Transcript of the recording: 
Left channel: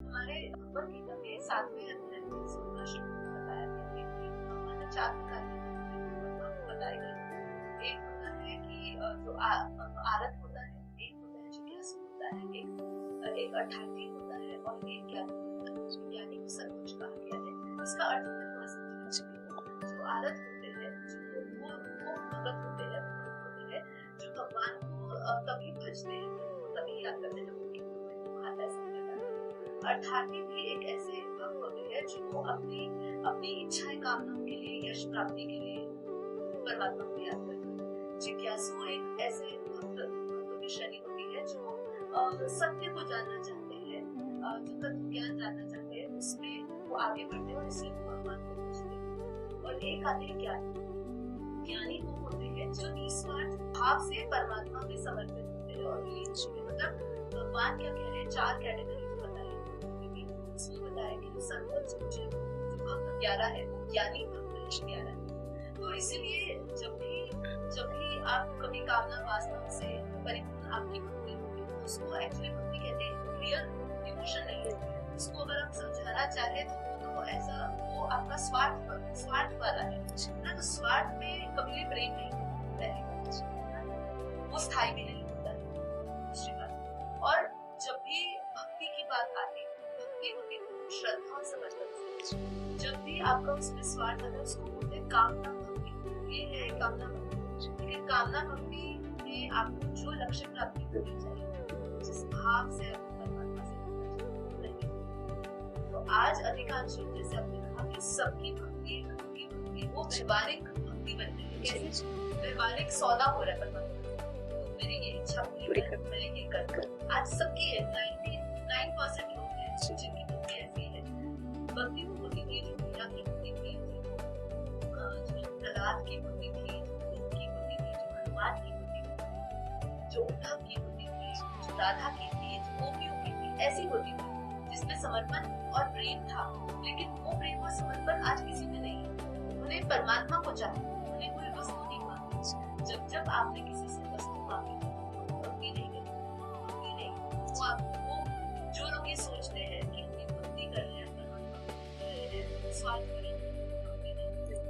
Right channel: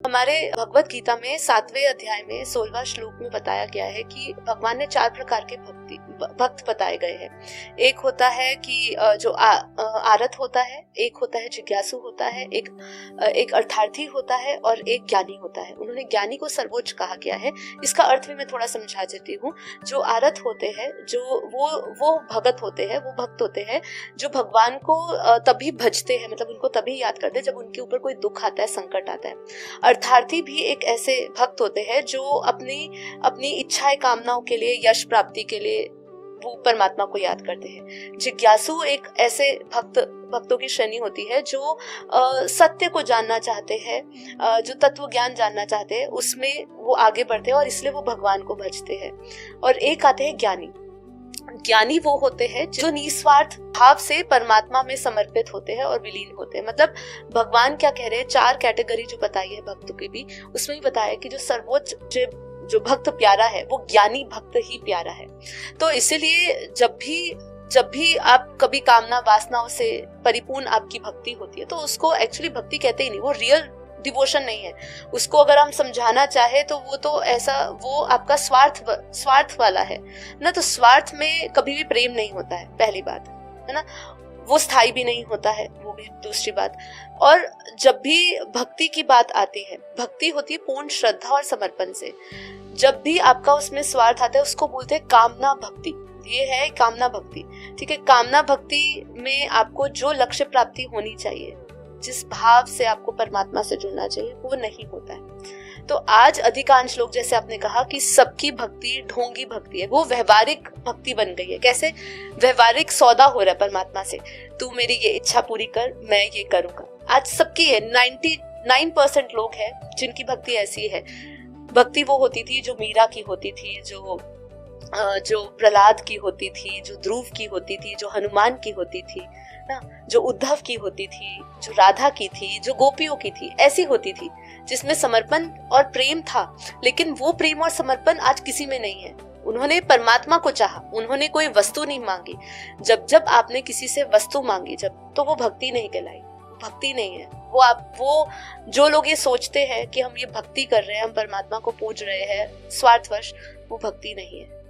हमारे भगवत गीता में 7वें अध्याय में 16वां श्लोक में बताया गया है कि भगवान ने 4 प्रकार के भक्त बताए गए हैं। एक होता है कि जो आरत होता है, एक होता है जिज्ञासु होता है, एक अर्थार्थी होता है और एक ज्ञानी होता है। उन्होंने ज्ञानी को सर्वोच्च कहा गया है। इसका अर्थ भी मैं थोड़ा समझा देती हूँ। जो आरत होते हैं, जो वो भगत होते हैं, वो भक्त होते हैं जो भगवान को तभी भजते हैं, मतलब उनको तभी याद करते हैं जब उनके ऊपर कोई दुख आता है, संकट आता है। अर्थार्थी भी एक ऐसे भक्त होते हैं जो अपनी इच्छाएं, कामनाओं के लिए, यश प्राप्ति के लिए वो परमात्मा को याद करते हैं। जिज्ञासु एक ऐसे भक्तों की श्रेणी होती है जो सत्य को जानना चाहते हैं, जो तत्व ज्ञान जानना चाहते हैं, उसमें वो आगे बढ़ते हैं और इसलिए वो भगवान को भजते हैं। और एक आते हैं ज्ञानी। ज्ञानी वो होते हैं जो निस्वार्थ भाव से परमात्मा में समर्पित होते हैं और विलीन होते हैं। मतलब भगवान क्या कह रहे हैं, 4 कैटेगरी जो बताई है भक्तों की भी, उसमें भी बताया कि जो सर्वोच्च जो भक्त प्यारा है वो ज्ञानी भक्त ही प्यारा है। तो इसीलिए जब भी आप कभी कामना वासनाओं से परिपूर्ण आपकी भक्ति होती है तो उसको एक्चुअली भक्ति कहते ही नहीं, वो रियल डिवोशन नहीं है। उसको अगर हम समझाना चाहे तो वो आपका स्वार्थ वाला है ना। तो स्वार्थ में कभी भी प्रेम नहीं होता है, पहली बात है ना। वो स्थायी भी नहीं होता है, वो भी दूसरी बात। और जब भी भक्ति की बात आती है, भक्ति होती है पूर्ण श्रद्धा और समर्पण से। जब भी आपका उसमें स्वार्थ आता है उसको बोलते हैं कामना भक्ति। ये है कामना भक्ति, ठीक है। कामना भक्ति में आपको जो लक्ष्य प्राप्ति होनी चाहिए, जिस भाव से आपको परमात्मा से जुड़ना चाहिए, वो नहीं होता है। तो आज अधिकांश लोग, जैसे आपने कहा कि सबकी भक्ति ढोंगी भक्ति है, वो व्यवहारिक भक्ति बन गई है। कैसे? व्यवहारिक सौदा हो रहा है परमात्मा से, तू मेरी ये इच्छा पूरी कर, मैं ये करूंगा। आज सबकी है, 99% लोग हैं जिनकी भक्ति ऐसी है। भक्ति वो होती थी जो मीरा की होती थी, जो प्रहलाद की होती थी, जो ध्रुव की होती थी, जो हनुमान की होती थी ना, जो उद्धव की होती थी, जो राधा की थी, जो गोपियों की थी, ऐसी होती थी जिसमें समर्पण और प्रेम था। लेकिन वो प्रेम और समर्पण आज किसी में नहीं है। उन्होंने परमात्मा को चाहा, उन्होंने कोई वस्तु नहीं मांगी। जब आपने किसी से वस्तु मांगी तो वो भक्ति नहीं कहलाई, भक्ति नहीं है। वो जो लोग ये सोचते हैं कि हम ये भक्ति कर रहे हैं, हम परमात्मा को पूज रहे हैं स्वार्थवश, वो भक्ति नहीं है।